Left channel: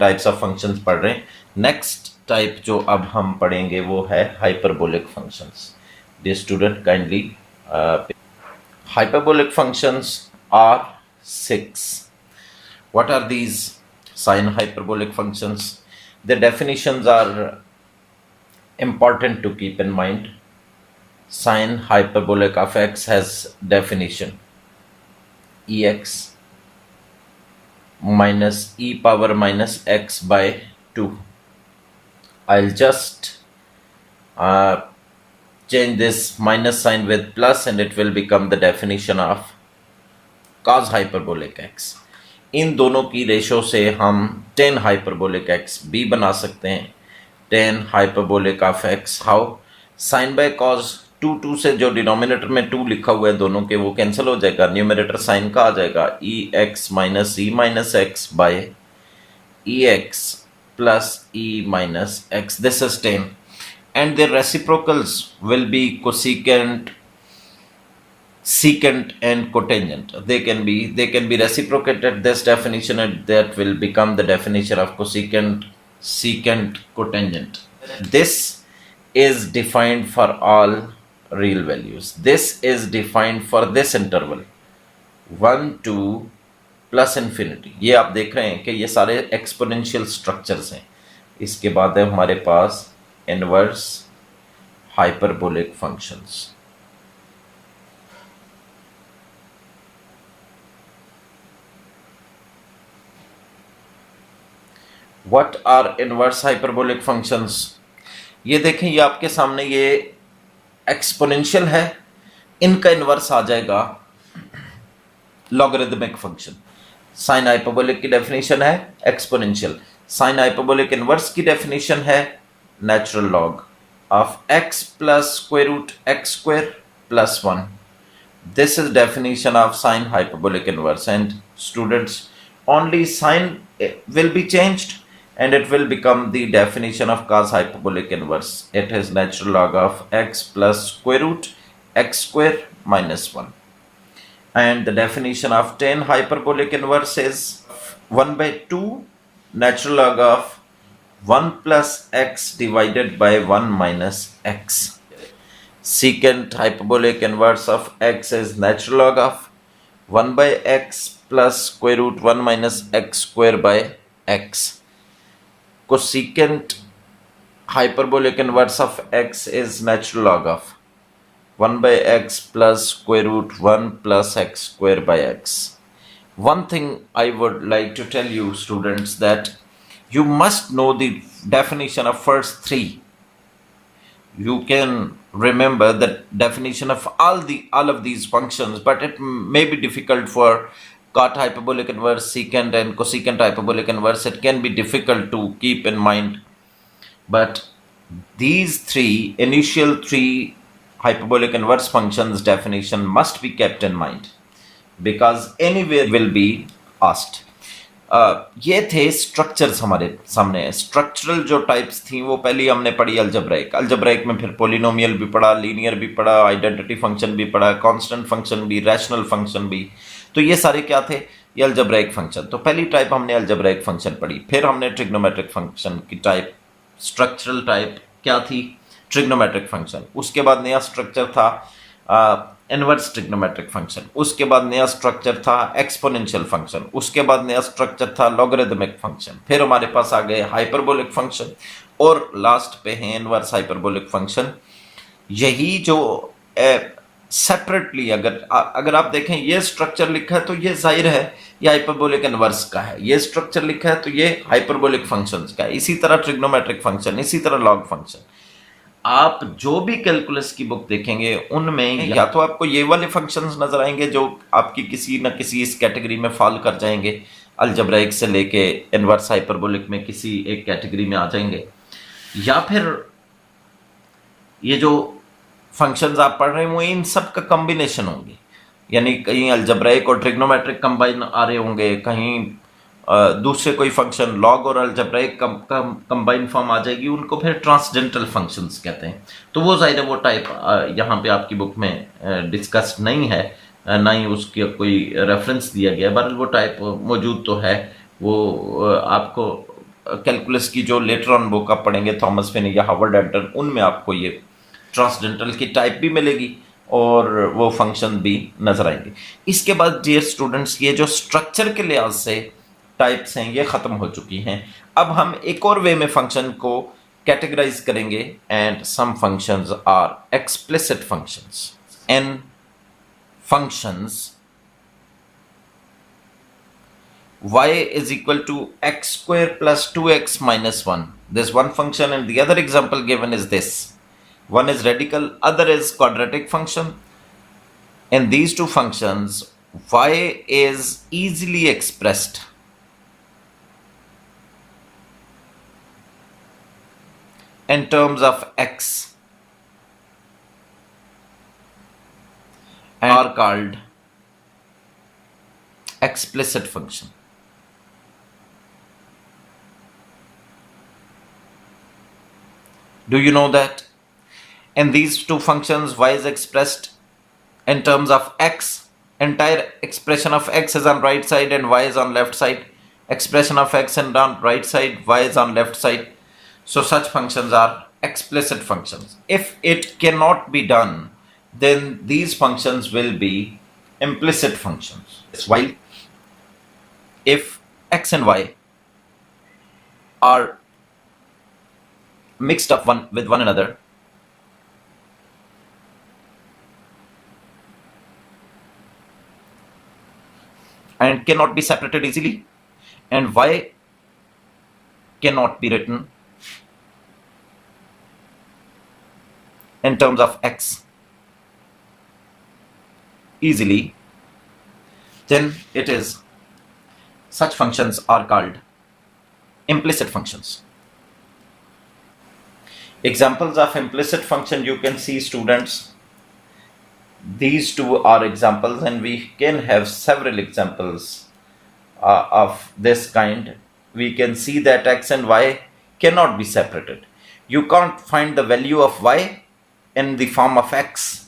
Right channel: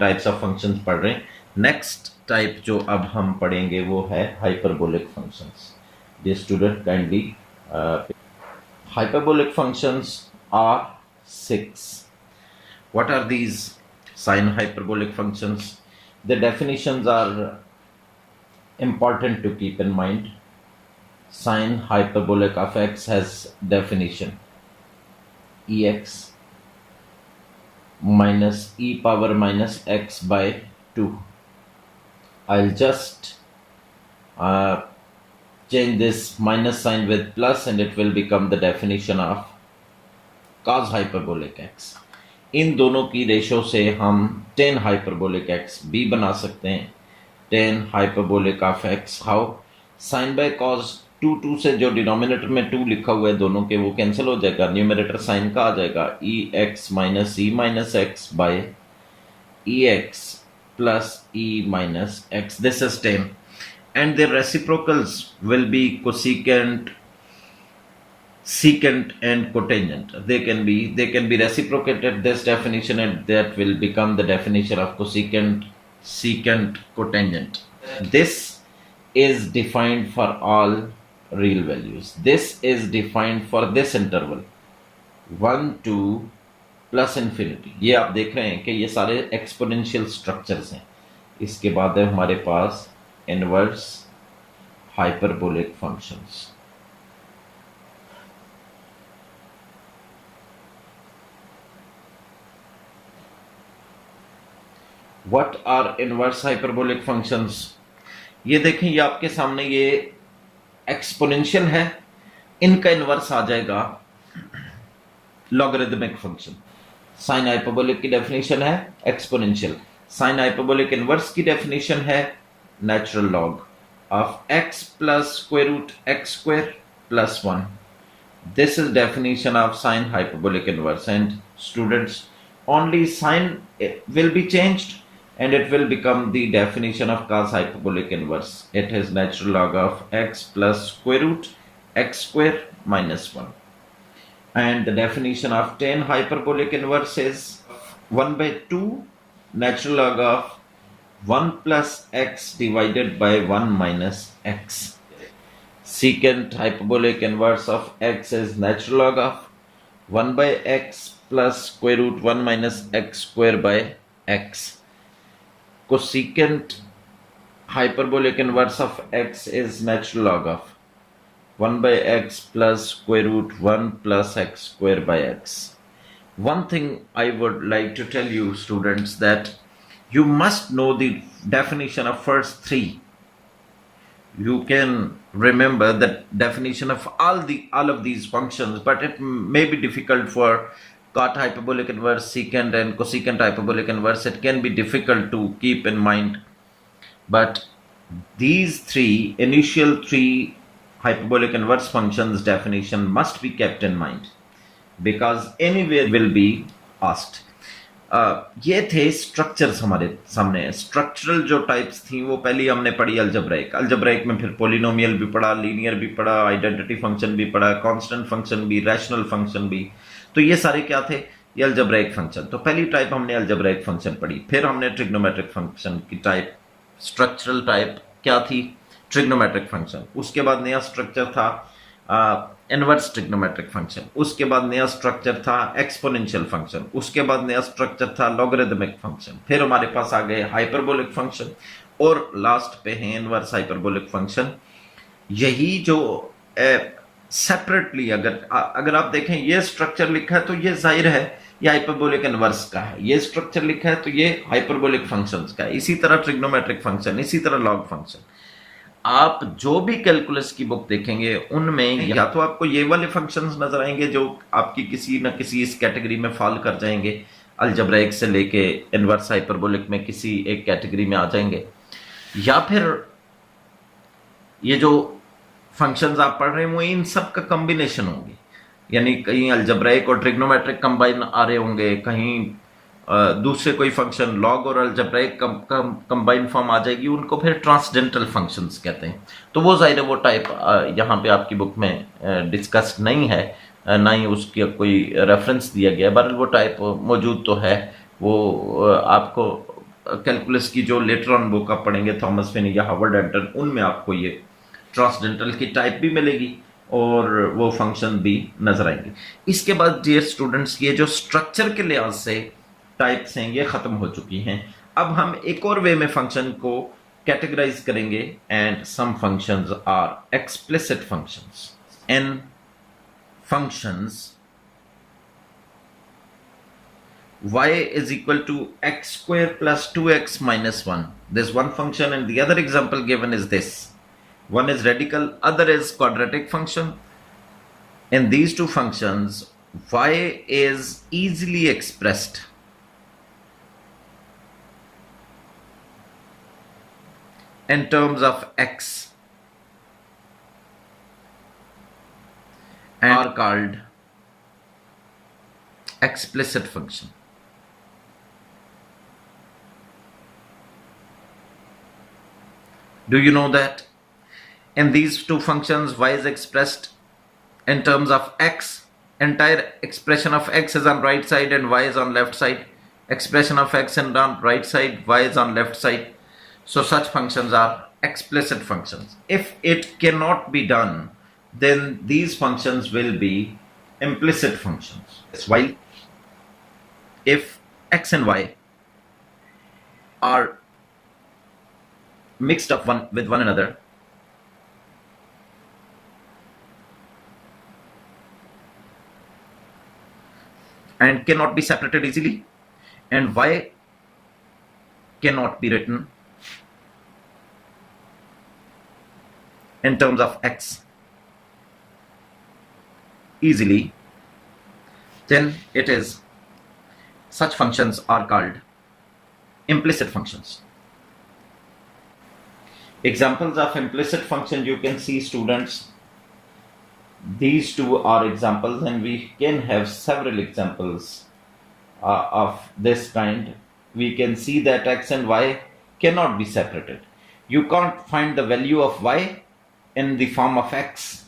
Types of functions पढ़ रहे हैं। नेक्स्ट टाइप जो अब हम पढ़ेंगे वो है hyperbolic functions. Dear student kindly, hyperbolic functions are 6. What are these sine hyperbolic functions? The definitions are important to keep in mind. Sine hyperbolic of x has definition ex minus e power minus x by 2. I'll just change this minus sign with plus and it will become the definition of cos hyperbolic x. इन दोनों की ratio से हम tan hyperbolic x भी बना सकते हैं। tan hyperbolic of x how? sin by cos 2 से जो डिनोमिनेटर में 2 लिखा हुआ है दोनों के वो कैंसिल हो जाएगा, न्यूमरेटर साइन का आ जाएगा e x minus e minus x by e x plus e minus x. This is tan and their reciprocals will be cosecant, secant and cotangent. They can be reciprocated this definition and that will become the definition of cosecant, secant, cotangent. This is defined for all real values. This is defined for this interval 1 to plus infinity. ये आप देख रहे हैं कि ये सारे exponential structures हैं। इसके बाद है हमारे पास inverse hyperbolic functions. What are inverse hyperbolic functions? ये देखें, ये आपके सामने ये एक्सपोनेंशियल है, इनका इनवर्स आ जाएगा लॉगरिथमिक फंक्शन। साइन हाइपरबोलिक की डेफिनेशन है एक्सपोनेंशियल, साइन हाइपरबोलिक इनवर्स की डेफिनेशन है natural log of x plus square root x square plus 1. This is definition of sine hyperbolic inverse, and students, only sign will be changed and it will become the definition of cos hyperbolic inverse. It is natural log of x plus square root x square minus 1. And the definition of tan hyperbolic inverse is 1 by 2 natural log of 1 plus x divided by 1 minus x. Secant hyperbolic inverse of x is natural log of 1 by x plus square root 1 minus x square by x. Cosecant hyperbolic inverse of x is natural log of 1 by x plus square root 1 plus x square by x. One thing I would like to tell you, students, that you must know the definition of first three. You can remember the definition of all of these functions, but it may be difficult for cot hyperbolic inverse, secant and cosecant hyperbolic inverse. It can be difficult to keep in mind, but these initial three hyperbolic inverse functions definition must be kept in mind because anywhere will be asked. ये थे structures हमारे सामने। Structural जो types थी वो पहले हमने पढ़ी अल्जेब्राइक में, फिर पोलिनोमियल भी पढ़ा, लीनियर भी पढ़ा, आइडेंटिटी फंक्शन भी पढ़ा, कांस्टेंट फंक्शन भी, रैशनल फंक्शन भी। तो ये सारे क्या थे? ये अल्जेब्राइक फंक्शन। तो पहली टाइप हमने अल्जेब्राइक फंक्शन पढ़ी। फिर हमने ट्रिग्नोमेट्रिक फंक्शन की टाइप, स्ट्रक्चरल टाइप क्या थी? Trigonometric function. उसके बाद नया स्ट्रक्चर था इनवर्स ट्रिग्नोमेट्रिक फंक्शन। उसके बाद नया स्ट्रक्चर था एक्सपोनेंशियल फंक्शन। उसके बाद नया स्ट्रक्चर था लॉगरिथमिक फंक्शन। फिर हमारे पास आ गए हाइपरबोलिक फंक्शन और लास्ट पे है इनवर्स हाइपरबोलिक फंक्शन। यही जो सेपरेटली अगर आप देखें ये स्ट्रक्चर लिखा है तो ये जाहिर है ये हाइपरबोलिक इनवर्स का है, ये स्ट्रक्चर लिखा है तो ये हाइपरबोलिक फंक्शंस का है। इसी तरह ट्रिग्नोमेट्रिक फंक्शन, इसी तरह लॉग फंक्शन। आप जो भी कैलकुलस की बुक देखेंगे उनमें या तो आपको ये वाले फंक्शंस नजर आएंगे जो आपकी किसी न किसी इस कैटेगरी में फॉल कर जाएंगे, अलजेब्राइक से लेके इनवर्स हाइपरबोलिक में किसी एक कैटेगरी में आ जाएंगे, या फिर ये जो फंक्शंस आप पढ़ रहे हैं वो इन सब का कॉम्बिनेशन होंगे, यानी कहीं अलजेब्राइक और ट्रिग्नोमेट्रिक कंबाइन आ रहे होंगे, कहीं दूसरे कोई फंक्शन लॉग और अलजेब्राइक कंबाइन फॉर्म आ जाएगी, उनको फिर ट्रांसडेंटल फंक्शंस कहते हैं। तो वो जाहिर है वो टाइप यहाँ पे आपकी बुक में डिस्कस्ड नहीं है, ना ही उसकी कोई रेफरेंस दिया गया है, बहरहाल वो टाइप मौजूद तो है, वो आपको कैलकुलस की जो लेटर ऑन बुक आप पढ़ेंगे थॉमस फिनी या हार्वर्ड एडर, उनमें आपको ये ट्रांसडेंटल की टाइप भी मिलेगी और वो फंक्शन भी नजर आएंगे। इसके बाद डियर स्टूडेंट्स, ये जो स्ट्रक्चर के लिहाज से टाइप्स हैं ये खत्म हो चुकी हैं। अब हम एक और वे में फंक्शन को कैटेगराइज करेंगे, and some functions are explicit functions. An functions y is equal to x square plus 2x minus 1. This one function, and the other example given is this. One is radical, other is quadratic function. In these two functions, y is easily expressed in terms of x and are called explicit function. Do you know that in these two functions y is expressed in terms of x, entire expression of x is on right side and y is on left side, expression of x and on right side, y is on left side. So such functions are explicit functions. If it cannot be done, then these functions will be implicit functions. While if x and y are mixed up with one another, and cannot be separated easily, and y cannot be written in terms of x easily, then it is such functions are called implicit functions. Examples of implicit function you can see, students. These two are examples, and we can have several examples of this kind. We can see that x and y cannot be separated. You can't find the value of y in the form of x.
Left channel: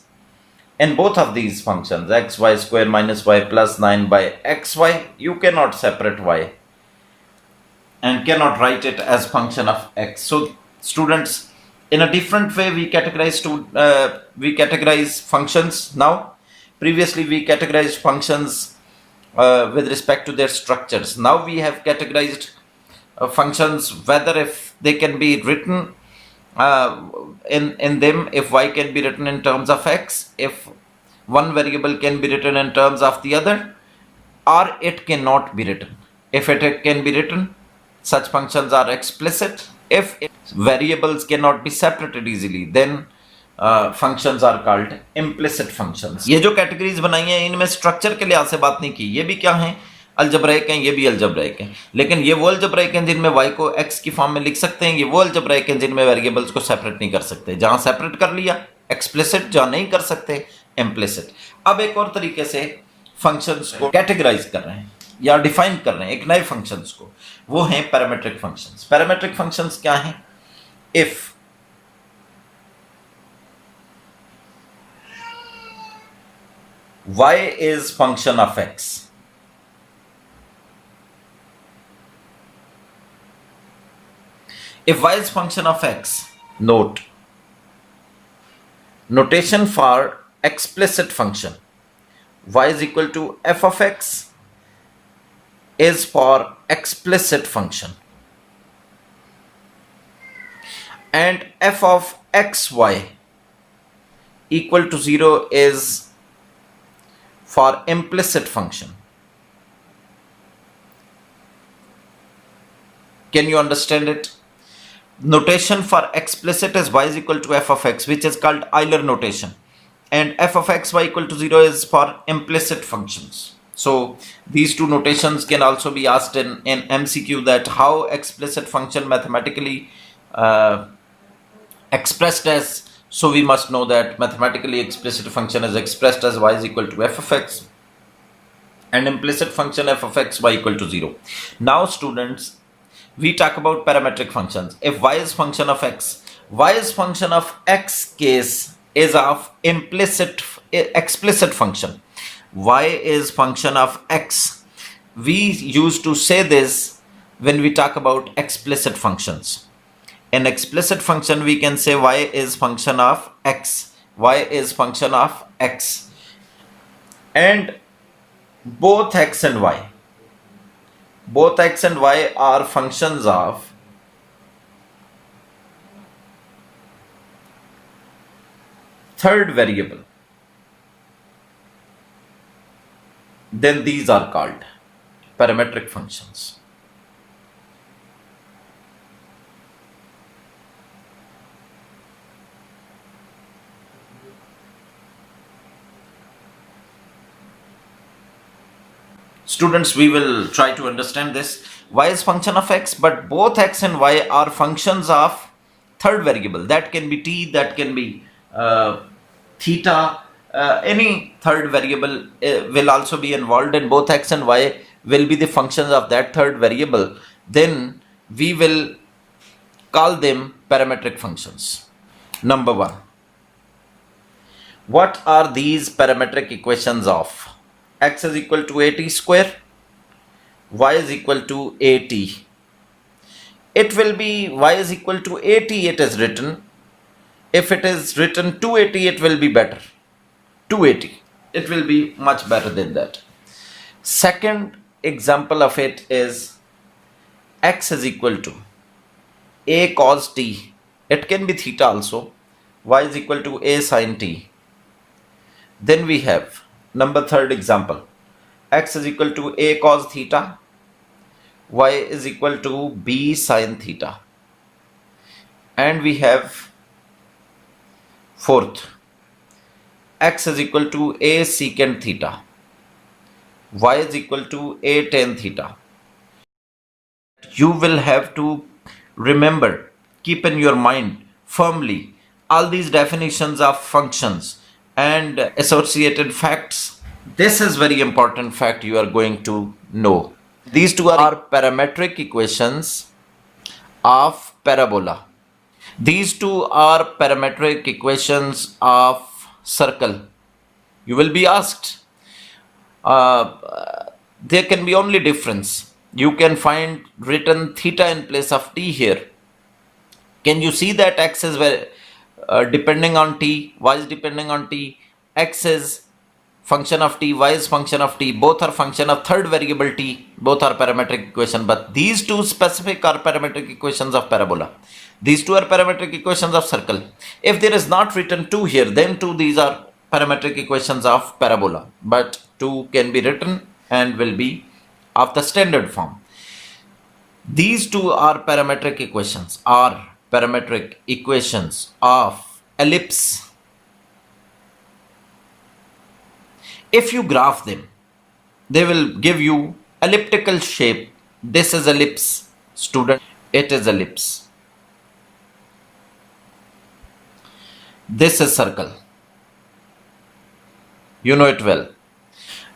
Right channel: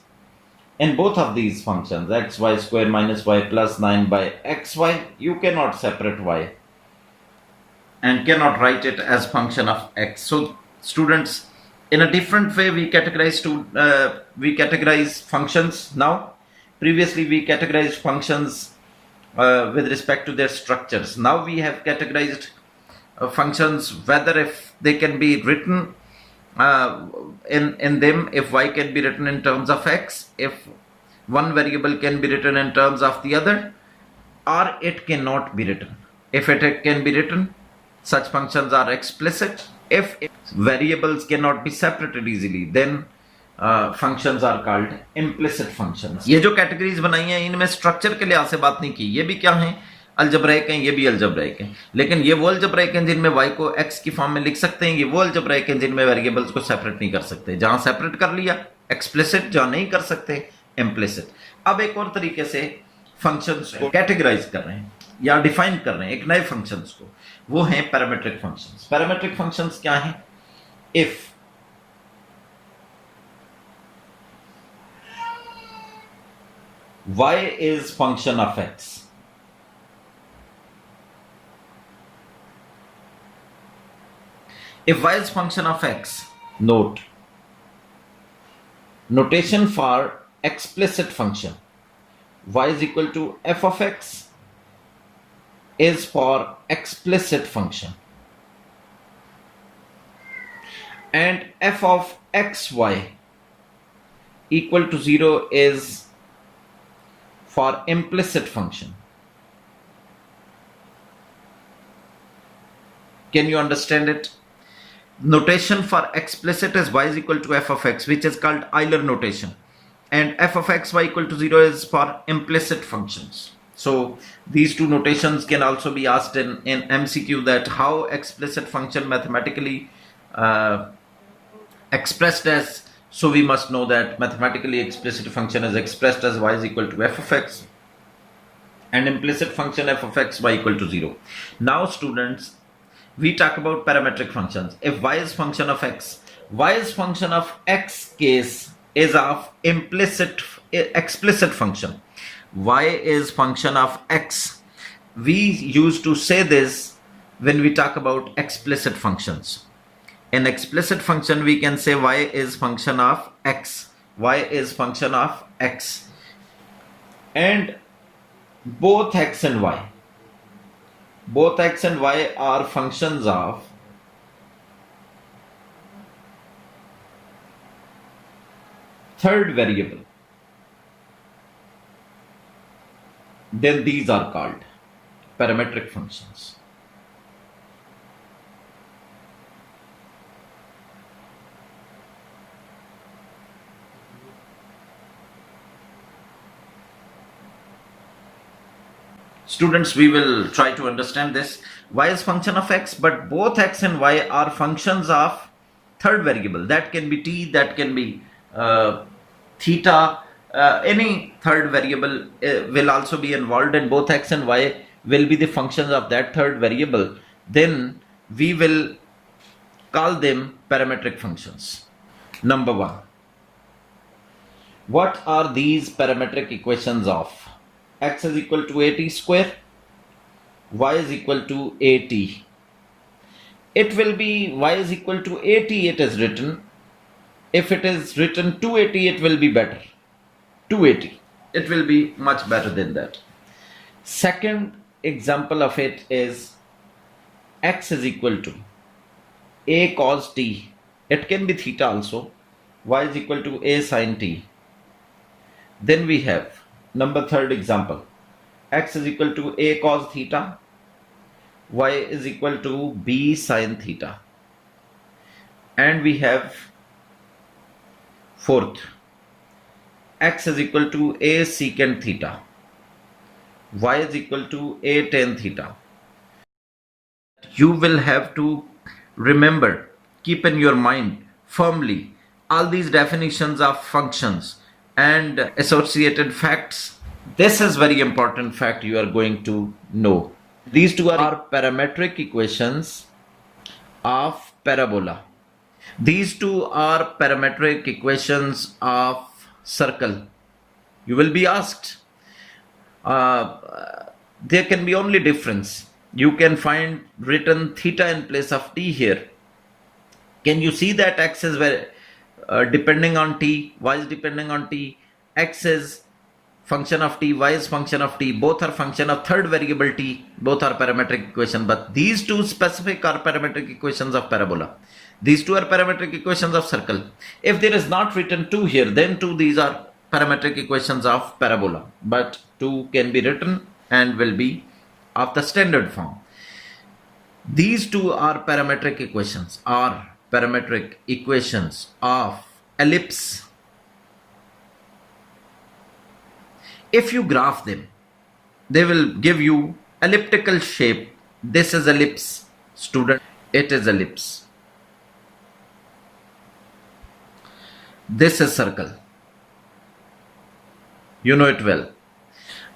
In both of these functions, xy square minus y plus 9 by xy, you cannot separate y and cannot write it as function of x. So students, in a different way we categorize functions now. Previously we categorized functions with respect to their structures. Now we have categorized functions whether if they can be written in them, if y can be written in terms of x, if one variable can be written in terms of the other, or it cannot be written. If it can be written, such functions are explicit. If variables cannot be separated easily, then functions are called implicit functions. ये जो categories बनाई हैं, इनमें structure के लिहाज से बात नहीं की. ये भी क्या हैं? अल्जेब्राइक हैं, ये भी अल्जेब्राइक हैं. लेकिन ये वो अल्जेब्राइक हैं जिनमें y को x की फॉर्म में लिख सकते हैं. ये वो अल्जेब्राइक हैं जिनमें वेरिएबल्स को सेपरेट नहीं कर सकते. जहां सेपरेट कर लिया एक्सप्लिसिट, जहां नहीं कर सकते इम्प्लिसिट. अब एक और तरीके से फंक्शंस को कैटेगराइज कर रहे हैं या डिफाइन कर रहे हैं एक नए फंक्शंस को, वो हैं पैरामेट्रिक फंक्शंस. पैरामेट्रिक फंक्शंस क्या हैं? If y is function of x, if y is function of x, notation for explicit function, y is equal to f of x is for explicit function, and f of xy equal to 0 is for implicit function. Can you understand it? Notation for explicit is y is equal to f of x, which is called Euler notation, and f of x y equal to 0 is for implicit functions. So these two notations can also be asked in MCQ, that how explicit function mathematically expressed as. So we must know that mathematically explicit function is expressed as y is equal to f of x, and implicit function f of x y equal to 0. Now students, we talk about parametric functions. If y is function of x, y is function of x case is of explicit function. Y is function of x. We used to say this when we talk about explicit functions. In explicit function, we can say y is function of x, y is function of x, and both x and y are functions of third variable. Then these are called parametric functions. Students, we will try to understand this. Y is function of x, but both x and y are functions of third variable. That can be t, that can be theta, any third variable will also be involved, and both x and y will be the functions of that third variable. Then we will call them parametric functions. Number one, what are these parametric equations of? X is equal to at square, y is equal to at. It will be y is equal to at, it is written. If it is written 280, it will be better. 280, it will be much better than that. Second example of it is x is equal to a cos t. It can be theta also. Y is equal to a sin t. Then we have number third example. X is equal to a cos theta. Y is equal to b sin theta. And we have fourth, x is equal to a secant theta, y is equal to a tan theta. You will have to remember, keep in your mind firmly all these definitions of functions and associated facts. This is very important fact you are going to know. These two are parametric equations of parabola. These two are parametric equations of circle. You will be asked, there can be only difference. You can find written theta in place of t here. Can you see that x is depending on t, y is depending on t, x is function of t, y is function of t, both are function of third variable t, both are parametric equation, but these two specific are parametric equations of parabola. These two are parametric equations of circle. If there is not written 2 here, then these are parametric equations of parabola, but 2 can be written and will be of the standard form. These two are parametric equations of ellipse. If you graph them, they will give you elliptical shape. This is ellipse, student. It is ellipse. This is circle. You know it well.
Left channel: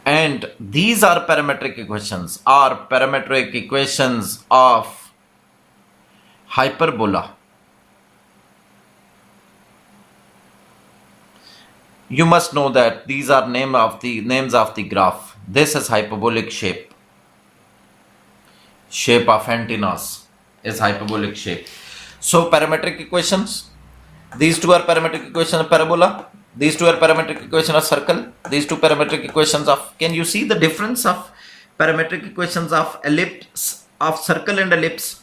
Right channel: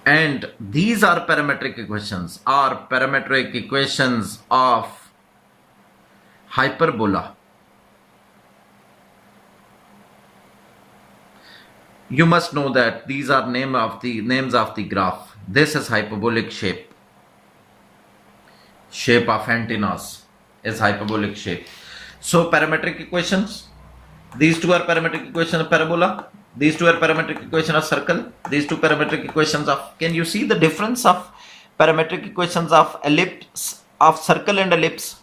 And these are parametric equations of hyperbola. You must know that these are names of the graph. This is hyperbolic shape. Shape of antennas is hyperbolic shape. So parametric equations. These two are parametric equations of parabola. These two are parametric equations of circle. These two parametric equations of. Can you see the difference of parametric equations of ellipse, of circle and ellipse?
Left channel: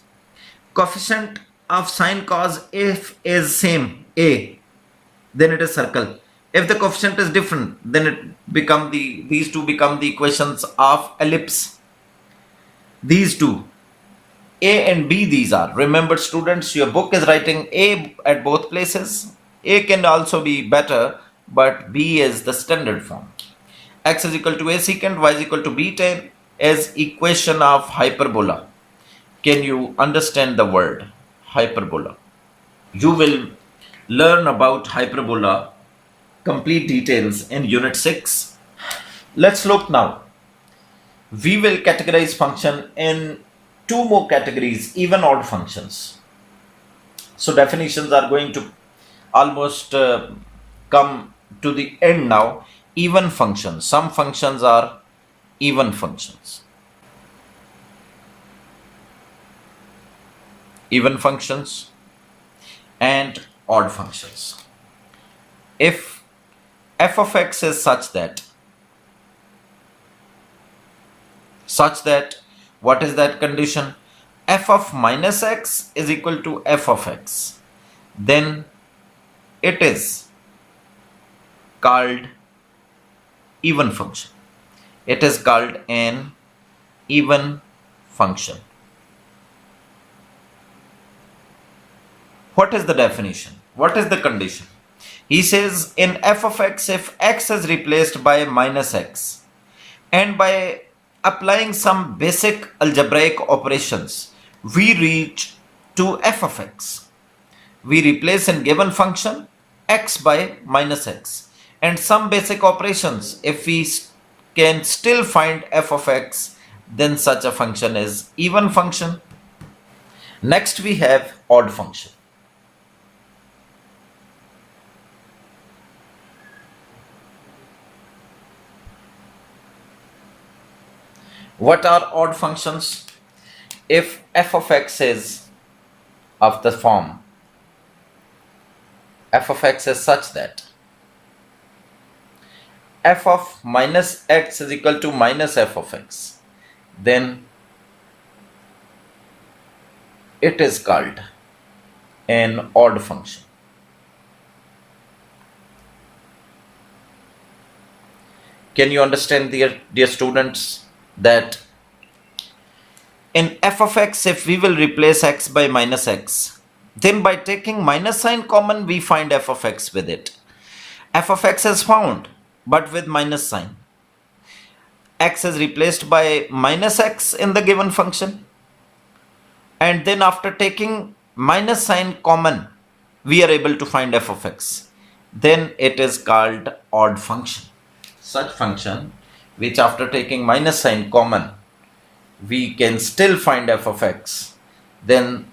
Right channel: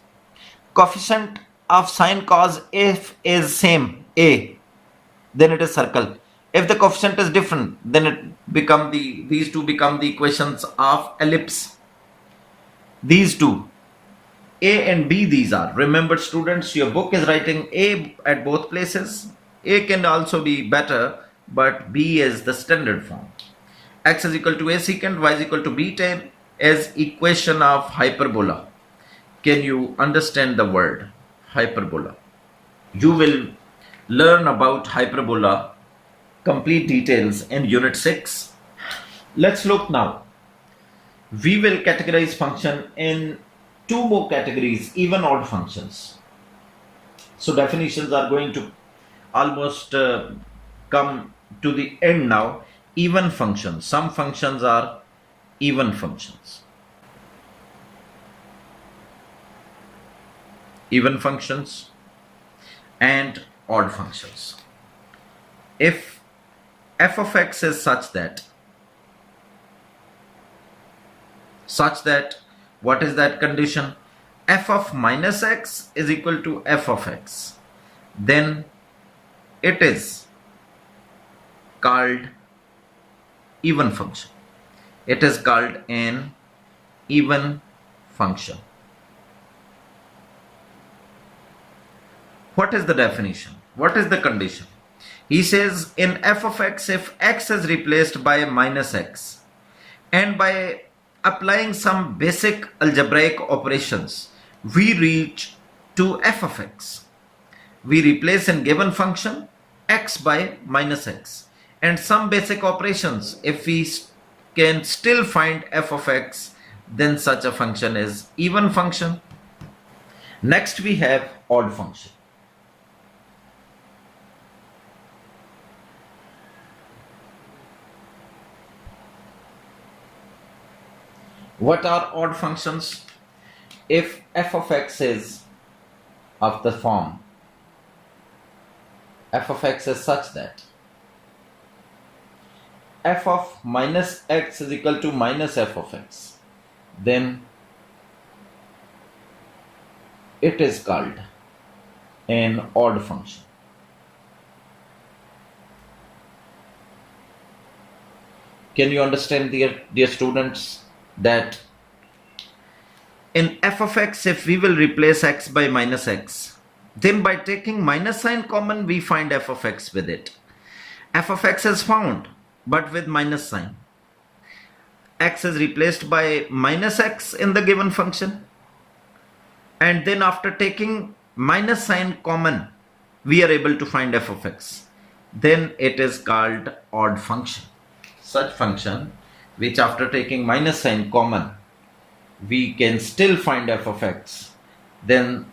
Coefficient of sine cos, if is same a, then it is circle. If the coefficient is different, then these two become the equations of ellipse. These two, A and B, these are. Remember students, your book is writing A at both places. A can also be better, but B is the standard form. X is equal to A secant, Y is equal to B tan is equation of hyperbola. Can you understand the word hyperbola? You will learn about hyperbola complete details in unit 6. Let's look now. We will categorize function in 2 more categories, even odd functions. So definitions are going to almost come to the end now. Even functions. Some functions are even functions. even functions and odd functions. If f of x is such that what is that condition? F of minus x is equal to f of x, then it is called even function. It is called an even function. What is the definition? What is the condition? He says in f of x, if x is replaced by minus x and by applying some basic algebraic operations, we reach to f of x. We replace in given function x by minus x, and some basic operations, if we can still find f of x, then such a function is even function. Next we have odd function. What are odd functions? If f of x is of the form f of x is such that f of minus x is equal to minus f of x, then it is called an odd function. Can you understand, dear students, that in f of x, if we will replace x by minus x, then by taking minus sign common, we find f of x with it. F of x is found, but with minus sign. X is replaced by minus x in the given function, and then after taking minus sign common, we are able to find f of x. Then it is called odd function. Such function which after taking minus sign common, we can still find f of x, then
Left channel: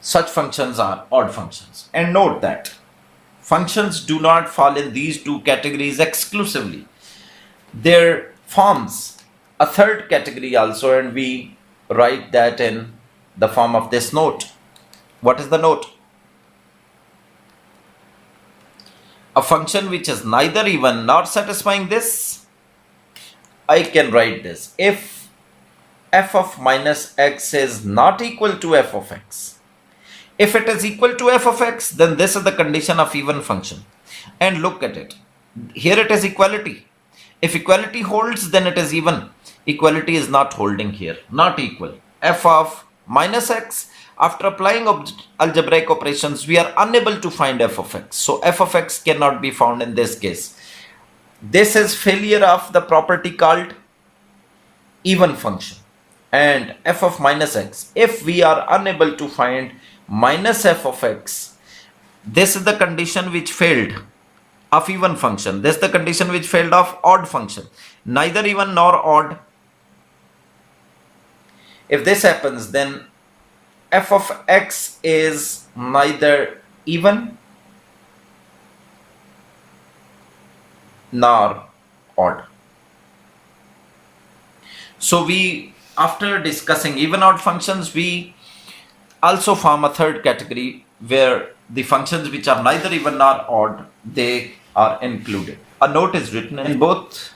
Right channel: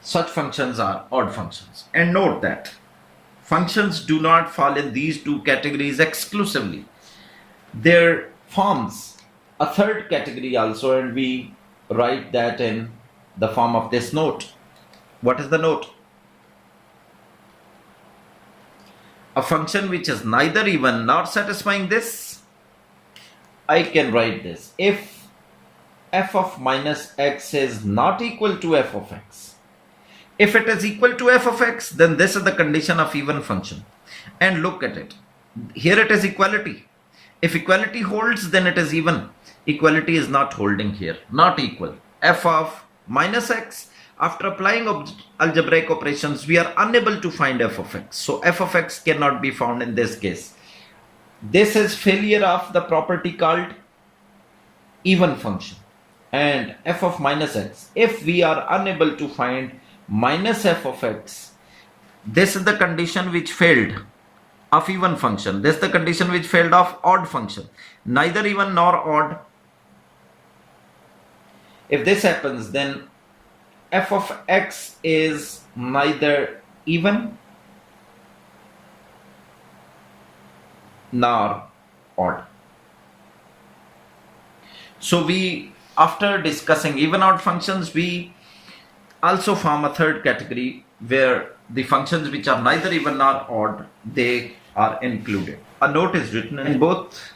such functions are odd functions. And note that functions do not fall in these two categories exclusively. There forms a third category also, and we write that in the form of this note. What is the note? A function which is neither even nor satisfying this, I can write this. If f of minus x is not equal to f of x, if it is equal to f of x, then this is the condition of even function. And look at it. Here it is equality. If equality holds, then it is even. Equality is not holding here, not equal. F of minus x, after applying algebraic operations, we are unable to find f of x. So f of x cannot be found in this case. This is failure of the property called even function. And f of minus x, if we are unable to find minus f of x, this is the condition which failed of even function. This is the condition which failed of odd function. Neither even nor odd. If this happens, then f of x is neither even nor odd. So we, after discussing even odd functions, we also form a third category where the functions which are neither even nor odd, they are included. A note is written in both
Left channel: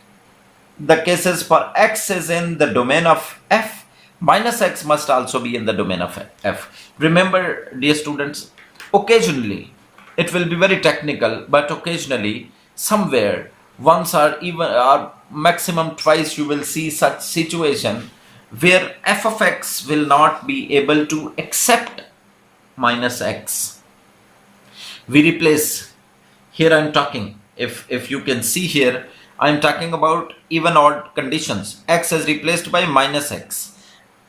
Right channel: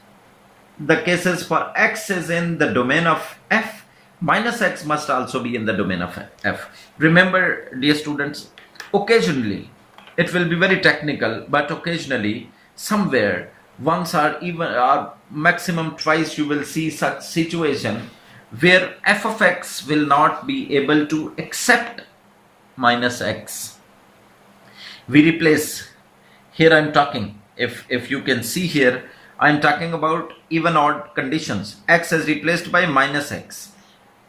the cases. For x is in the domain of f, minus x must also be in the domain of f. Remember, dear students, occasionally, it will be very technical, but occasionally, somewhere, once or even or maximum twice, you will see such situation where f of x will not be able to accept minus x. We replace, here I am talking, if you can see here, I am talking about even odd conditions. X is replaced by minus x.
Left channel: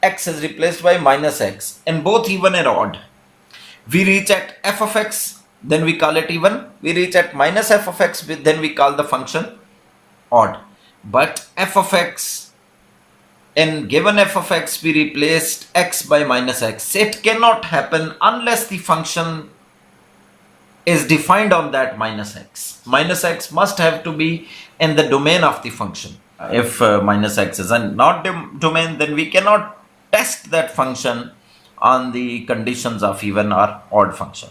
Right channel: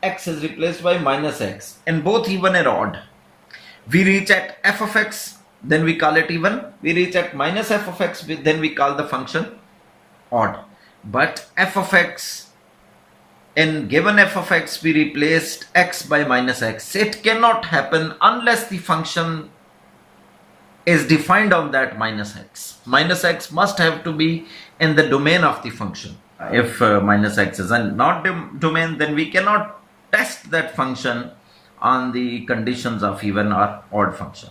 X is replaced by minus x, and both even and odd. We reach at f of x, then we call it even. We reach at minus f of x, then we call the function odd. But f of x, in given f of x, we replaced x by minus x. It cannot happen unless the function is defined on that minus x. Minus x must have to be in the domain of the function. If minus x is not domain, then we cannot test that function on the conditions of even or odd function.